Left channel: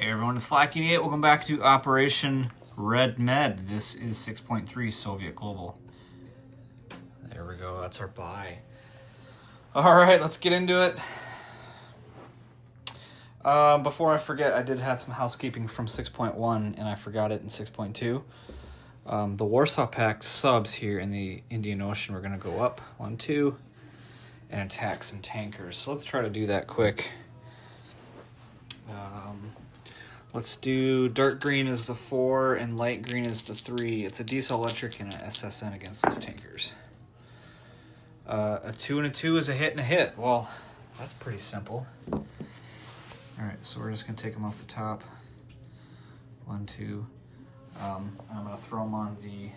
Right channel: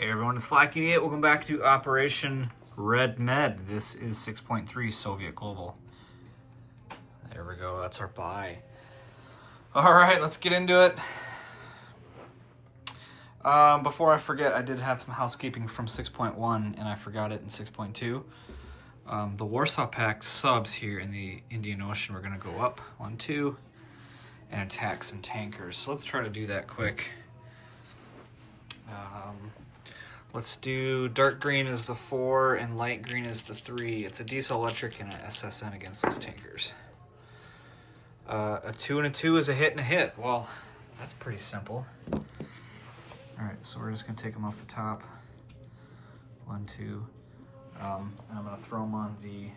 Hey everyone, it's Flaky8. Welcome back to Operation Red Med. This is 6.3 Soviet Global. There we go, that's our buy. Alright, let's get into it. Before I forget, I did have some housekeeping from 6.1 and I forgot it in 6.2. The Warsaw Pact subs here in the Indian Ocean were going to go up 1, 2 and attack some tankers. So let's try to do that quick. Let's do dark green is the 4 and light green is the 3. It's a diesel electric and an SSN against those tankers. A 2 and a 2 is a hit and a hit. Well, that's pretty simple. Alright, so we're just going to take them off the top. 1, 2. And I'm going to throw them on the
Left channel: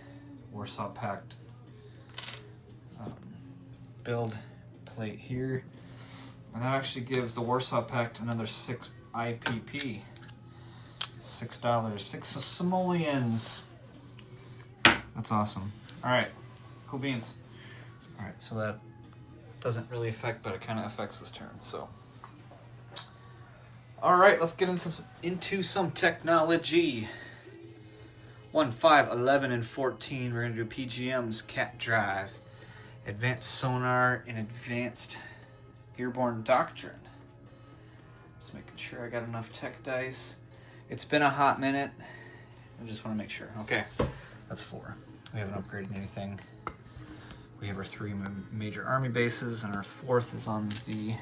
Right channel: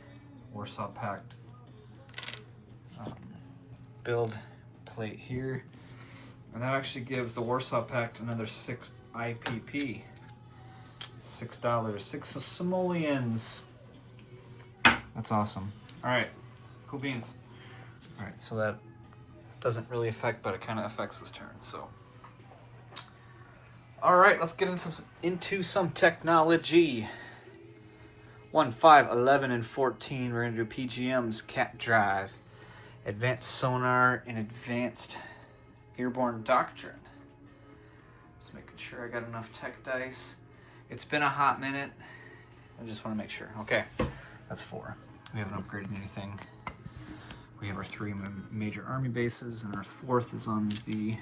Warsaw Pact build plate here. And that actually gives the Warsaw Pact another 6 IPP. $6, 6 simoleons. That's awesome. All right, cool beans. All right, so that doesn't really affect, but it kind of affects this turn. So, all right, let's get into some technology. 1, 5, 11, and 14. We're gonna do PGMs, cat drive, advanced sonar, and advanced airborne doctrine. Just making sure I got enough tech dice. It's been a hot minute. I just want to make sure. Okay, that's 4. We haven't upgraded anything. We have our 3 major army bases, and our 4th is on the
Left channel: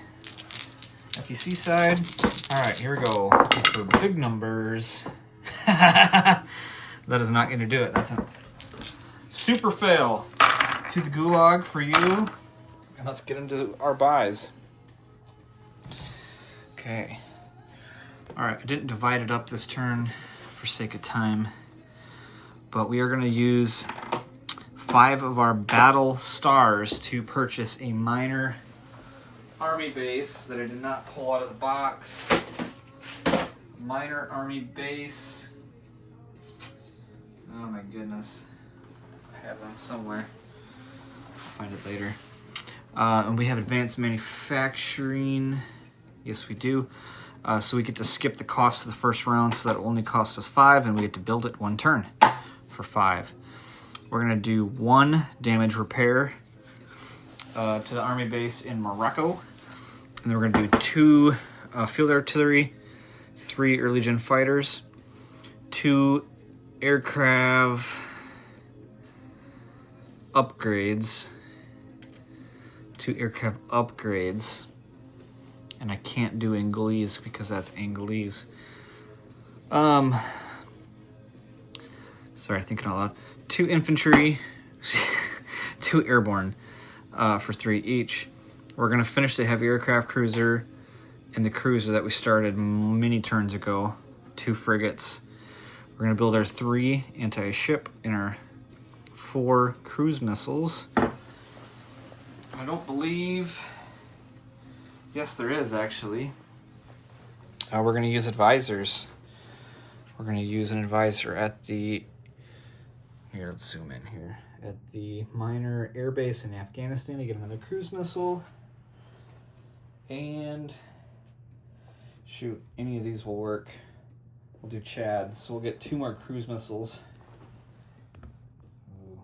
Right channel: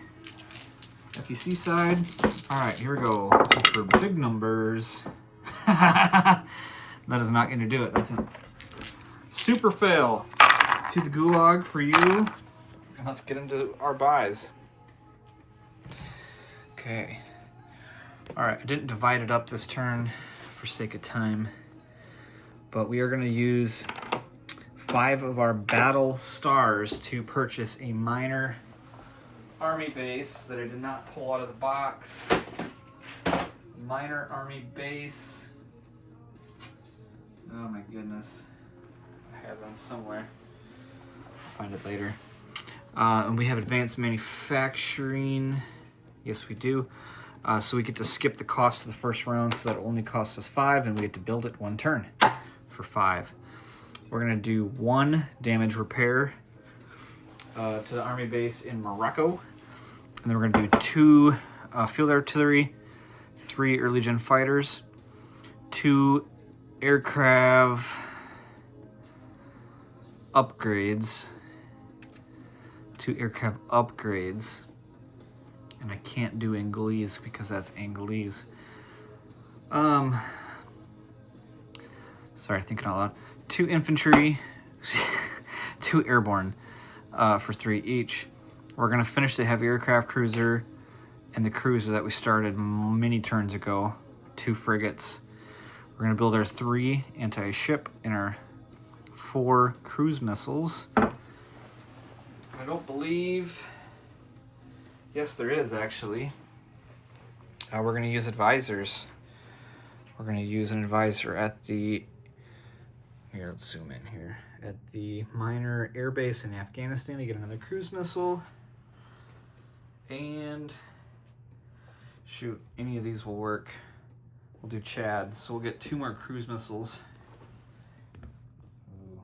FEC side. All right, here we go. For big numbers. That is not going to do it. That's a super fail. To the gulag for you. And let's get into our buys. Okay. All right, I didn't divide it up this turn for sake of time, but we are going to use 5 of our battle stars to purchase a minor army base that I did not pull out of the box. Minor army base. Oh my goodness. I have them somewhere. I'll find it later. And we have advanced manufacturing. Yes, we do. So we get to skip the cost of the first round, so that only costs us 5, and we get to build it 1 turn for 5. We're going to do 1 damage repair to the army base in Morocco. And then we're going to do 2 field artillery, 3 early gen fighters, 2 aircraft upgrades. 2 aircraft upgrades. And I can't do Angolese because that's Angolese. Sorry, thinking out loud. 2 infantry, 2 airborne for 3 each. We're going to finish the heavy aircraft cruiser and the cruiser that we started many turns ago. 2 frigates. We're going to build our 3 anti-ship and our 4 cruise missiles. I don't believe... Yes, there is, actually. We're going to use advisors. We're going to use an advisor at the... Here, let's zoom in here. At the minor air base in Afghanistan to get another cruise missile. And... Shoot, any of these will work. We'll do Chad. So we'll get 2 more cruise missiles. Ooh,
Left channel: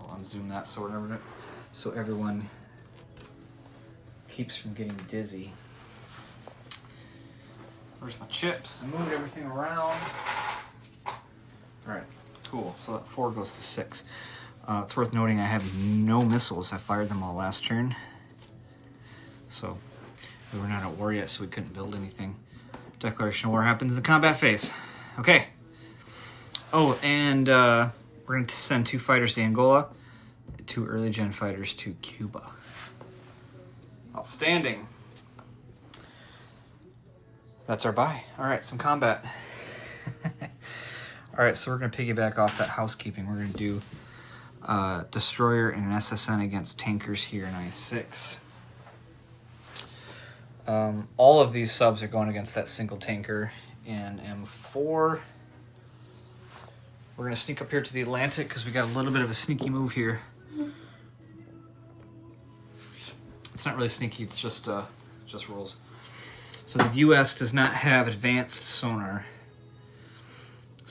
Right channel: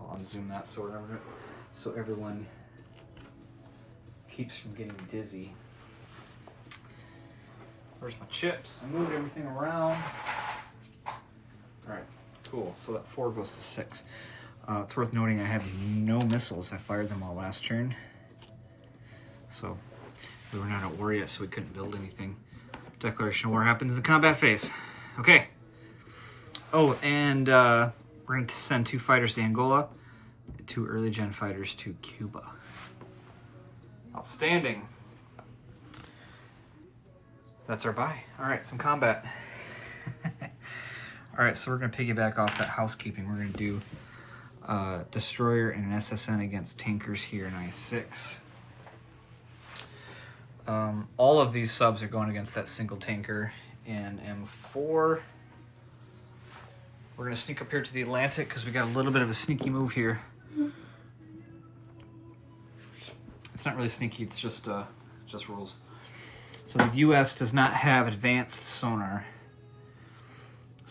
I'll unzoom that so everyone... keeps from getting dizzy. Where's my chips? I moved everything around. All right, cool. So that 4 goes to 6. It's worth noting I have no missiles. I fired them all last turn. So we were not at war yet, so we couldn't build anything. Declaration of war happens in the combat phase. Okay. Oh, and we're going to send 2 fighters to Angola, 2 early gen fighters to Cuba. Outstanding. That's our buy. All right, some combat. All right, so we're going to piggyback off that housekeeping. We're going to do destroyer and an SSN against tankers here in I-6. All of these subs are going against that single tanker in M4. We're going to sneak up here to the Atlantic because we got a little bit of a sneaky move here. It's not really sneaky, it's just rules. So the U.S. does not have advanced sonar.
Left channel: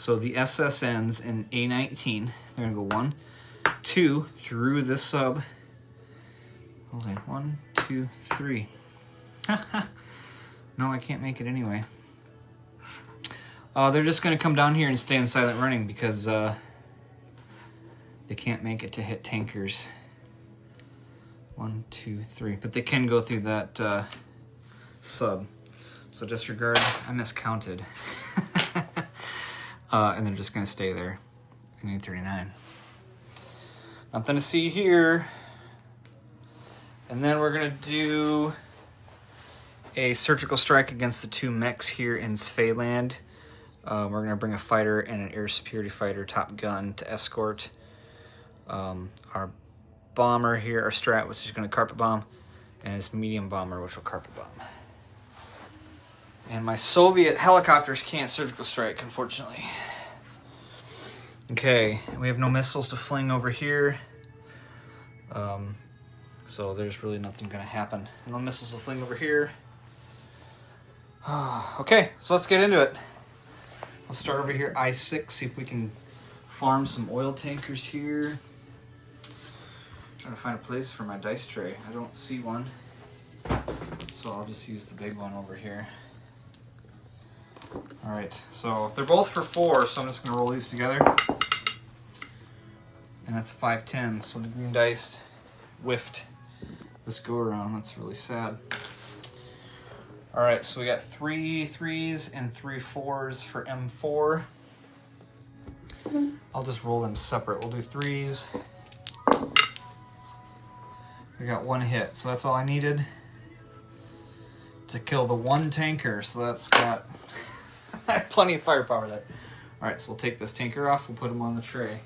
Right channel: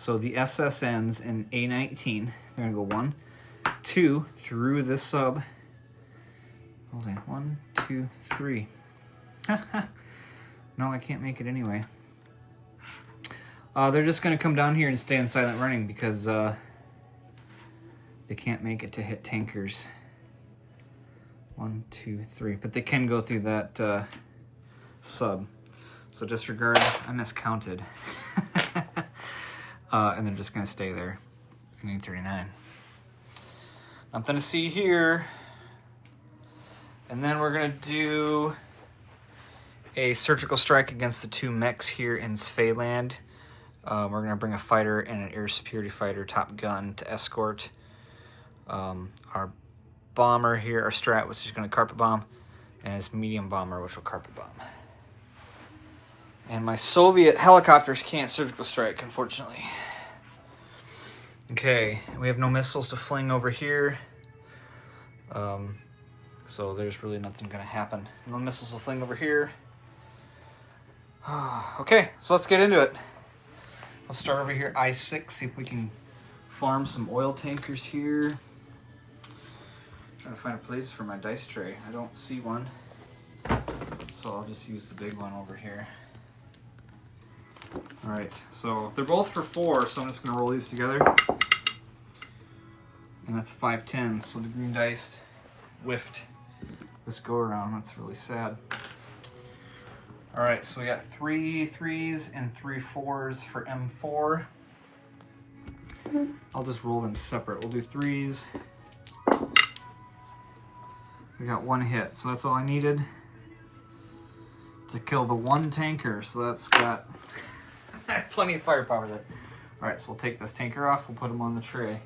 So the SS ends in A19. They're gonna go 1, 2 through this sub. Hold on, 1, 2, 3. No, I can't make it anyway. They're just gonna come down here and stay in silent running because they can't make it to hit tankers. 1, 2, 3, but they can go through that sub. So disregard, I miscounted. And they're just gonna stay there. I need 39. Nothing to see here. And then we're gonna do a surgical strike against the 2 mechs here in Svealand. We're gonna bring a fighter and an air superiority fighter, Top Gun, to escort our bomber here, our strat, which is gonna carpet bomb, and his medium bomber, which will carpet bomb. And my Soviet helicopters can't surgical strike, unfortunately. Okay, we have no missiles to fling over here. So there's really nothing gonna happen. No missiles to fling over here. Okay, so let's get into it. Let's start over here, I-6, see if we can farm some oil tankers here. Trying to find a place for my dice tray. I don't see one. So I'll just use the big one over here. Alright, so they're both for 4, so I'm just going to roll these together. And that's 5-10, so the green dice whiffed this go around. That's really sad. Alright, so we got 3 3s and 3 4s for M4. I'll just roll them separate. We'll do 3s. We got 1 hit, so that's all I needed to kill the 1 tanker. So that's got plenty of firepower there. Alright, so we'll take this tanker off, we'll put him on the tray,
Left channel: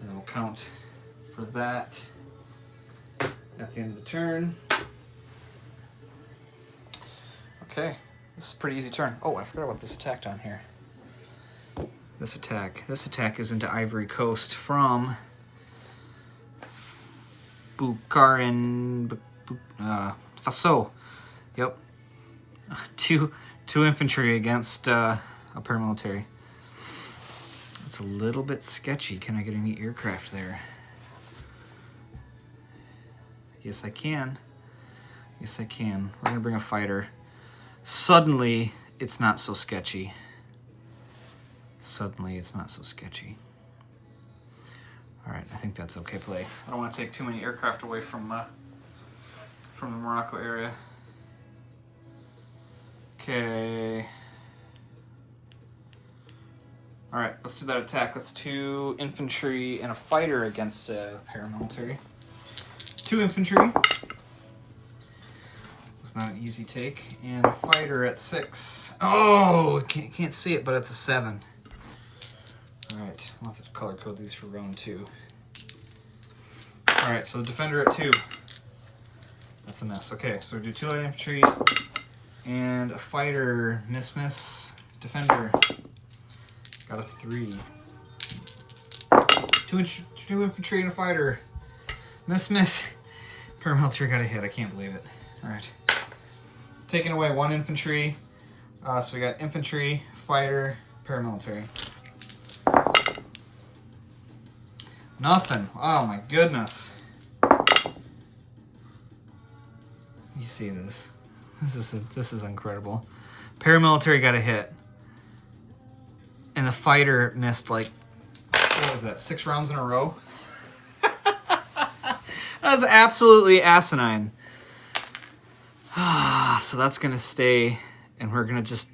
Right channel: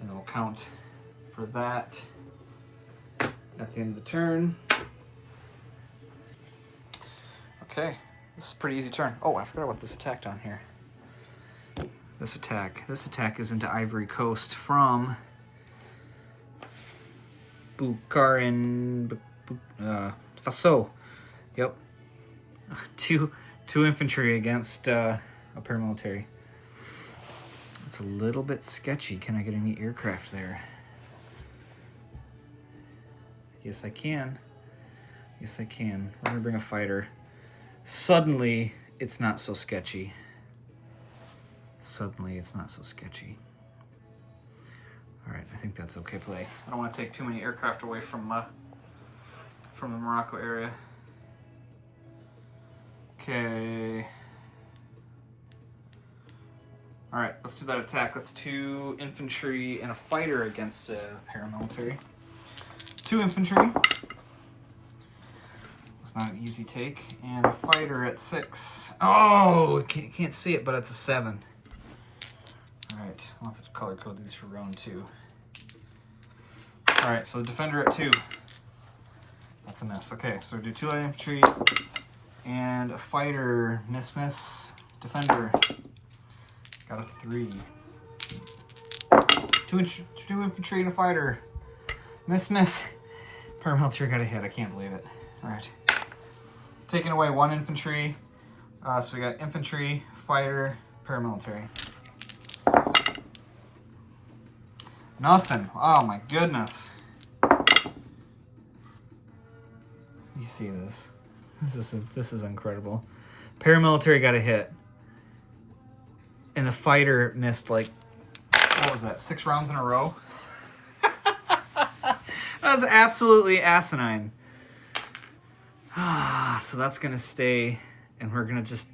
and then we'll count for that at the end of the turn. Okay, this is a pretty easy turn. Oh, I forgot about this attack down here. This attack is into Ivory Coast from Bukharin Faso. Yep. Two infantry against a paramilitary. It's a little bit sketchy. Can I get any aircraft there? Yes, I can. Yes, I can. We're gonna bring a fighter. Suddenly, it's not so sketchy. Suddenly, it's not so sketchy. All right, I think that's okay play. I don't want to take too many aircraft away from the Morocco area. Okay. All right, let's do that attack. Let's 2 infantry and a fighter against a paramilitary. 2 infantry. It's not an easy take. And a fighter at 6. Oh, can't see it, but it's a 7. All right, I'll have to color code these for round 2. All right, so the defender at 2. That's a miss. Okay, so we do 2 light infantry and a fighter. Miss. Defender. Got a 3. 2 infantry and a fighter. Miss. Paramilitary got a hit. I can't believe it. All right. Taking away 1 infantry. So we got infantry, fighter, paramilitary. Nothing. Oh my goodness. You see this? This is incredible. Paramilitary got a hit, and the fighter missed like, what was that? 6 rounds in a row. That was absolutely asinine. So that's gonna stay, and we're gonna just.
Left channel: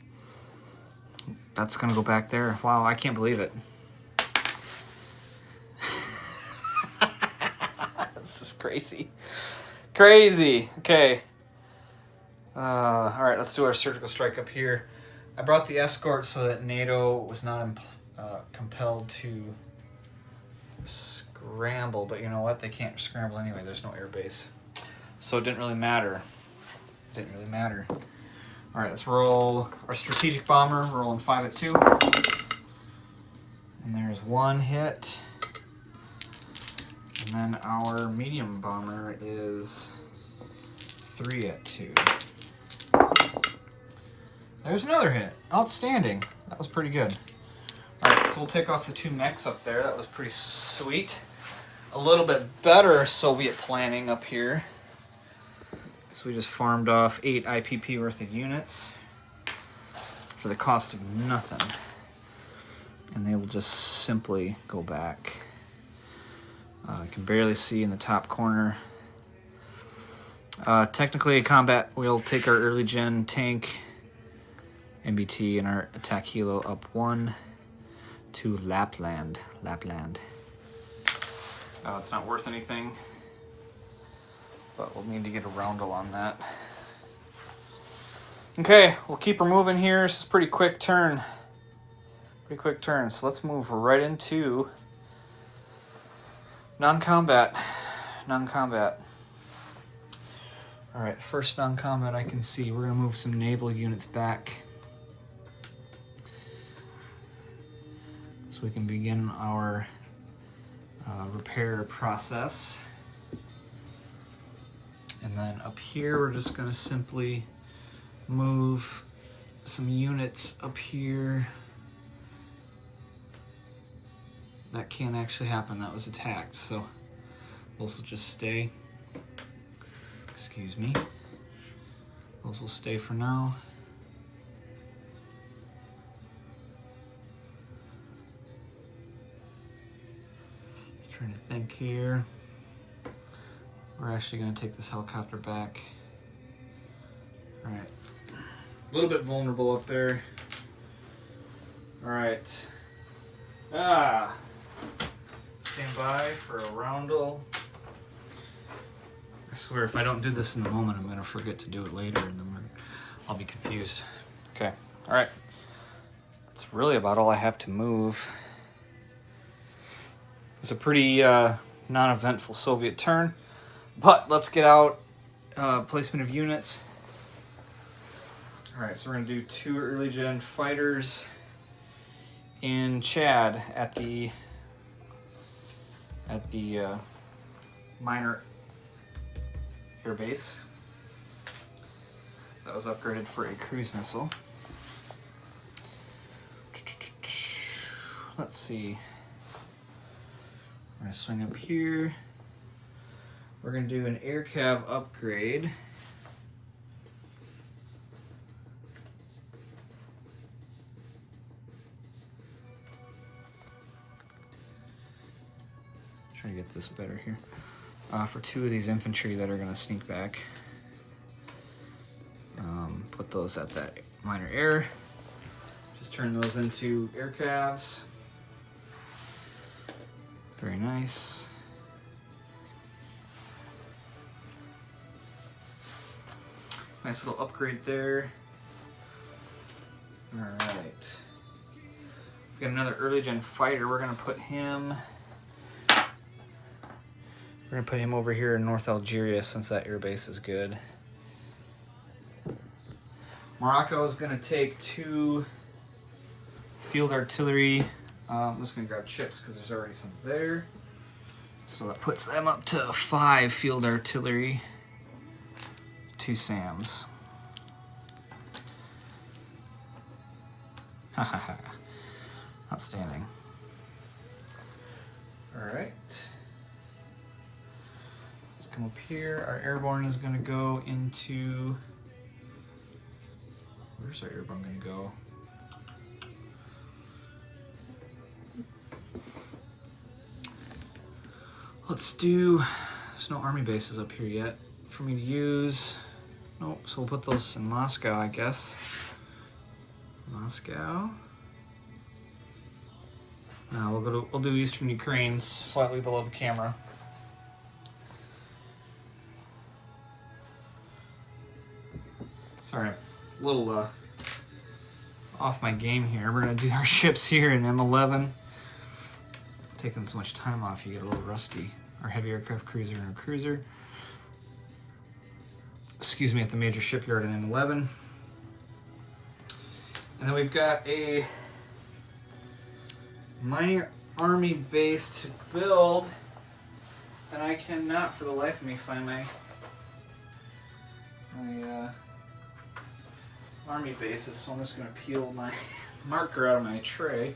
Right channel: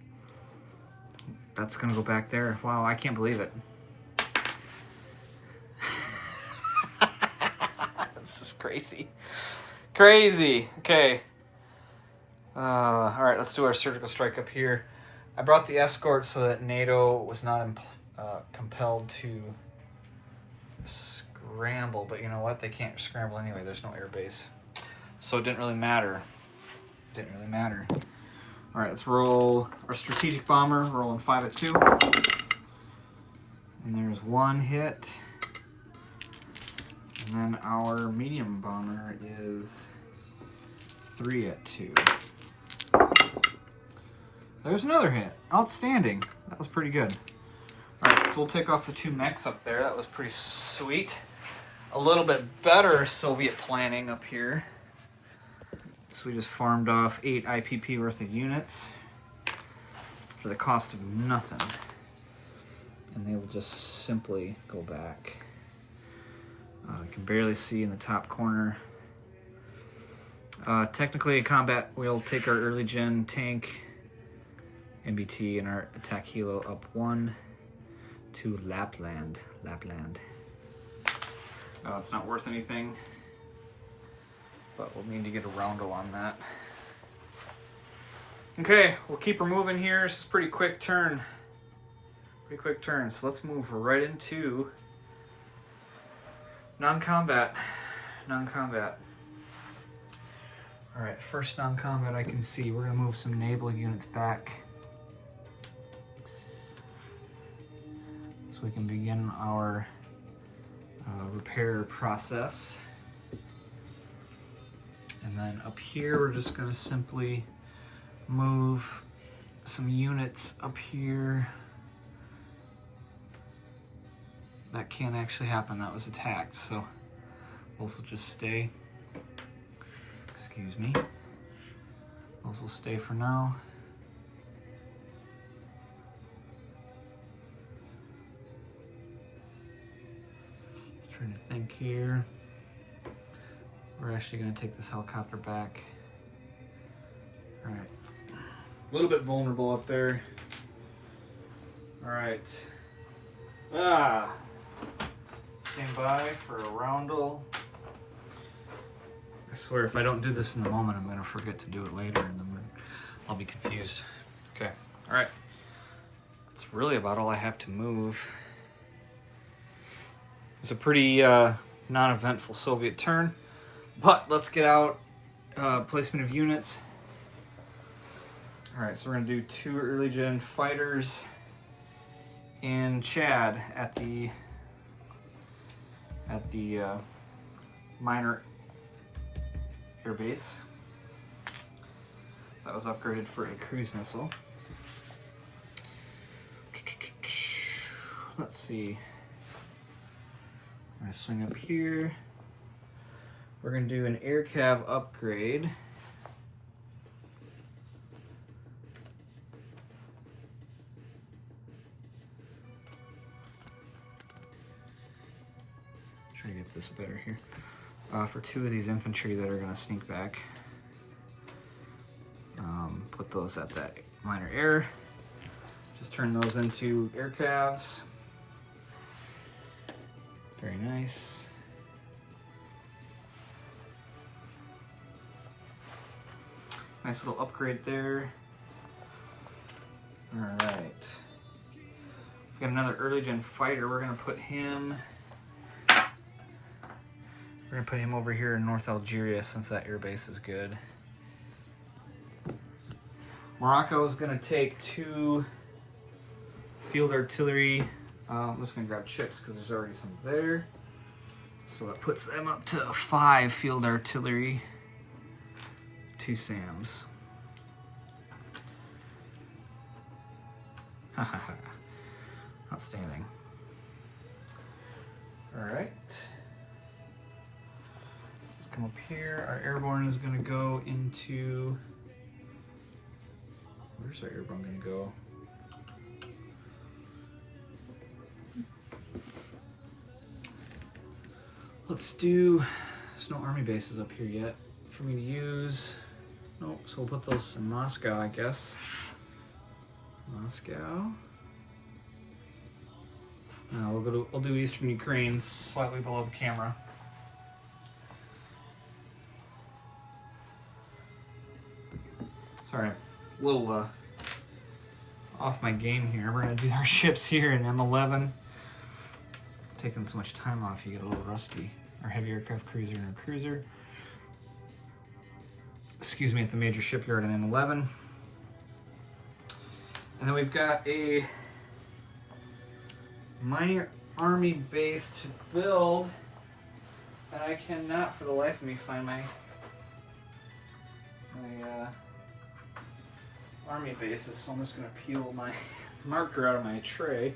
That's gonna go back there. Wow, I can't believe it. This is crazy. Crazy. Okay. All right, let's do our surgical strike up here. I brought the escort so that NATO was not compelled to scramble, but you know what? They can't scramble anyway. There's no air base. So it didn't really matter. All right, let's roll our strategic bomber, rolling 5 at 2. And there's 1 hit. And then our medium bomber is 3 at 2. There's another hit. Outstanding. That was pretty good. so we'll take off the 2 mechs up there. That was pretty sweet. A little bit better Soviet planning up here. So we just farmed off 8 IPP worth of units for the cost of nothing. And they will just simply go back. I can barely see in the top corner. Technically a combat, we'll take our early gen tank, NBT, and our attack helo up 1 to Lapland. It's not worth anything, but we'll need to get a roundel on that. Okay, we'll keep her moving here. This is a pretty quick turn. So let's move right into non-combat. All right, first non-combat I can see. We're gonna move some naval units back so we can begin our repair process. And then up here, we're just gonna simply move some units up here. That can't actually happen, that was attacked, so those will just stay. Excuse me. Those will stay for now. Just trying to think here. We're actually going to take this helicopter back. All right. A little bit vulnerable up there. All right. Stand by for a roundel. I swear, if I don't do this in the moment, I'm going to forget to do it later, and then I'll be confused. Okay. All right. That's really about all I have to move. It's a pretty non-eventful Soviet turn, but let's get out placement of units. All right, so we're going to do 2 early gen fighters in Chad at the minor air base. That was upgraded for a cruise missile. Let's see. I'm gonna swing up here. We're gonna do an air cav upgrade. Try to get this better here. For 2 of these infantry that are going to sneak back. Put those at that minor air. Just turn those into air calves. Very nice. Nice little upgrade there. All right. We've got another early gen fighter. We're going to put him... We're gonna put him over here in North Algeria since that air base is good. Morocco is gonna take 2 field artillery. I'm just gonna grab chips because there's already some there. So that puts them up to 5 field artillery, 2 SAMs. Outstanding. All right. Come up here. Our airborne is going to go into... Where's our airborne going to go? Let's do... There's no army bases up here yet for me to use. Oh, so we'll put those in Moscow, I guess. Moscow. Now we'll do Eastern Ukraine, slightly below the camera. Sorry, a little off my game here. We're gonna do our ships here in M11. Taking so much time off, you get a little rusty. Our heavy aircraft cruiser and our cruiser. Excuse me, at the major shipyard in M11. And then we've got a minor army base to build, and I cannot for the life of me find my army bases, so I'm just going to peel my marker out of my tray.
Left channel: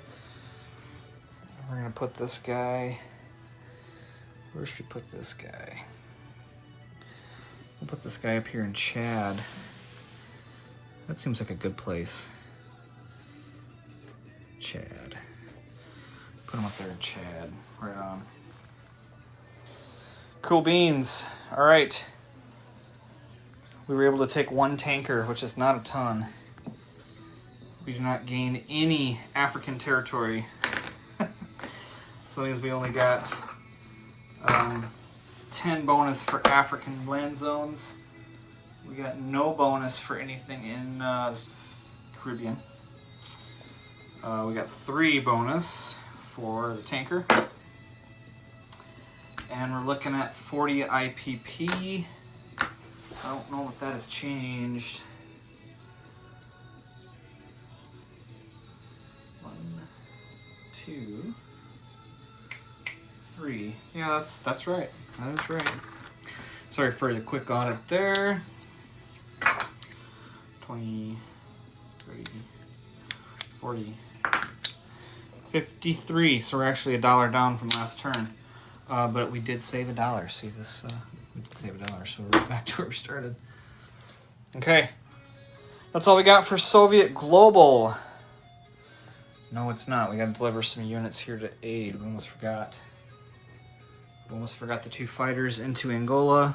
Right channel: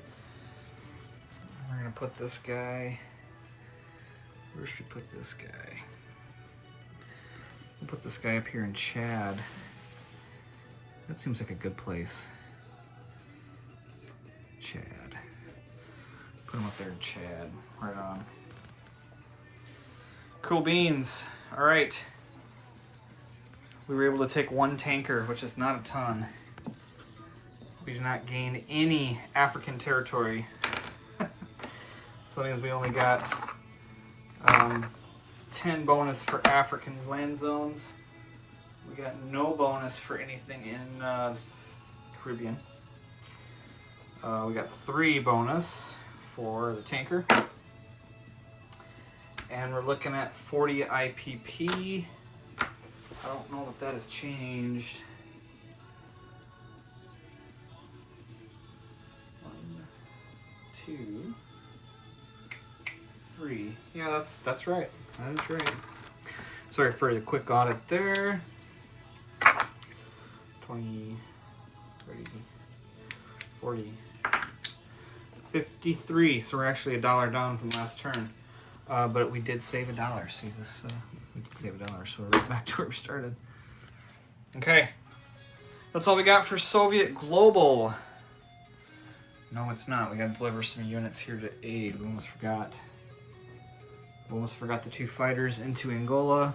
We're gonna put this guy. Where should we put this guy? We'll put this guy up here in Chad. That seems like a good place. Chad. Put him up there in Chad. Right on. Cool beans. All right. We were able to take one tanker, which is not a ton. We do not gain any African territory. So that means we only got 10 bonus for African land zones. We got no bonus for anything in the Caribbean. We got 3 bonus for the tanker. And we're looking at 40 IPP. I don't know if that has changed. 1, 2, 3. Yeah, that's right. That is right. Sorry for the quick audit there. 20, 30, 40, 53. So we're actually $1 down from last turn. But we did save $1. See this? We did save $1, so we're right back to where we started. Okay. That's all we got for Soviet Global. No, it's not. We got to deliver some units here to aid. We almost forgot. We almost forgot the 2 fighters into Angola.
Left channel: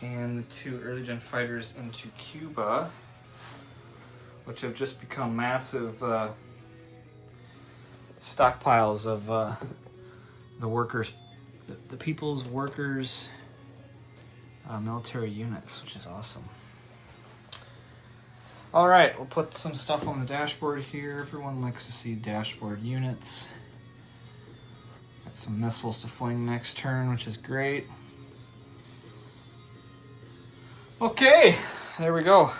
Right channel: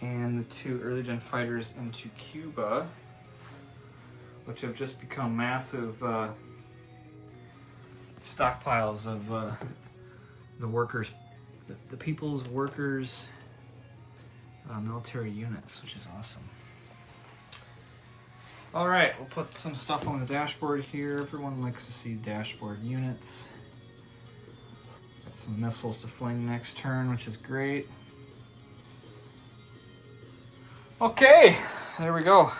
And the 2 early gen fighters into Cuba, which have just become massive stockpiles of the workers, the people's workers military units, which is awesome. All right, we'll put some stuff on the dashboard here. Everyone likes to see dashboard units. Got some missiles to fling next turn, which is great. Okay, there we go.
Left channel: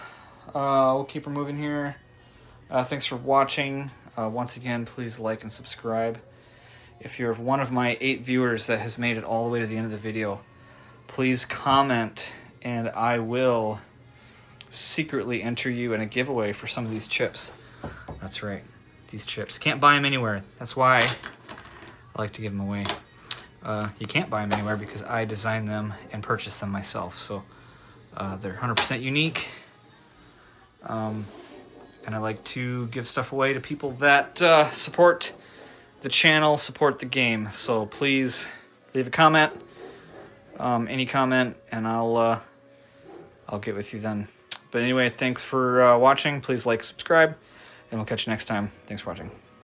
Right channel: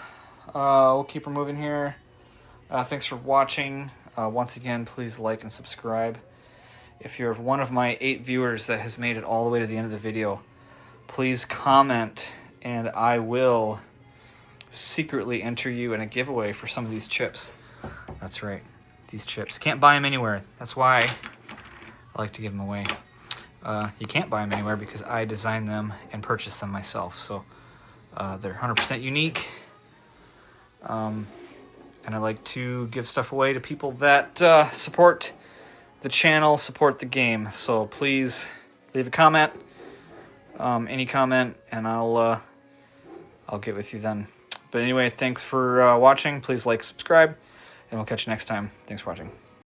We'll keep her moving here. Thanks for watching. Once again, please like and subscribe. If you're one of my 8 viewers that has made it all the way to the end of the video, please comment and I will secretly enter you in a giveaway for some of these chips. That's right, these chips. Can't buy them anywhere. That's why I like to give them away. You can't buy them anywhere because I designed them and purchased them myself. So they're 100% unique. And I like to give stuff away to people that support the channel, support the game. So please leave a comment, any comment, and I'll get with you then. But anyway, thanks for watching. Please like, subscribe, and we'll catch you next time. Thanks for watching.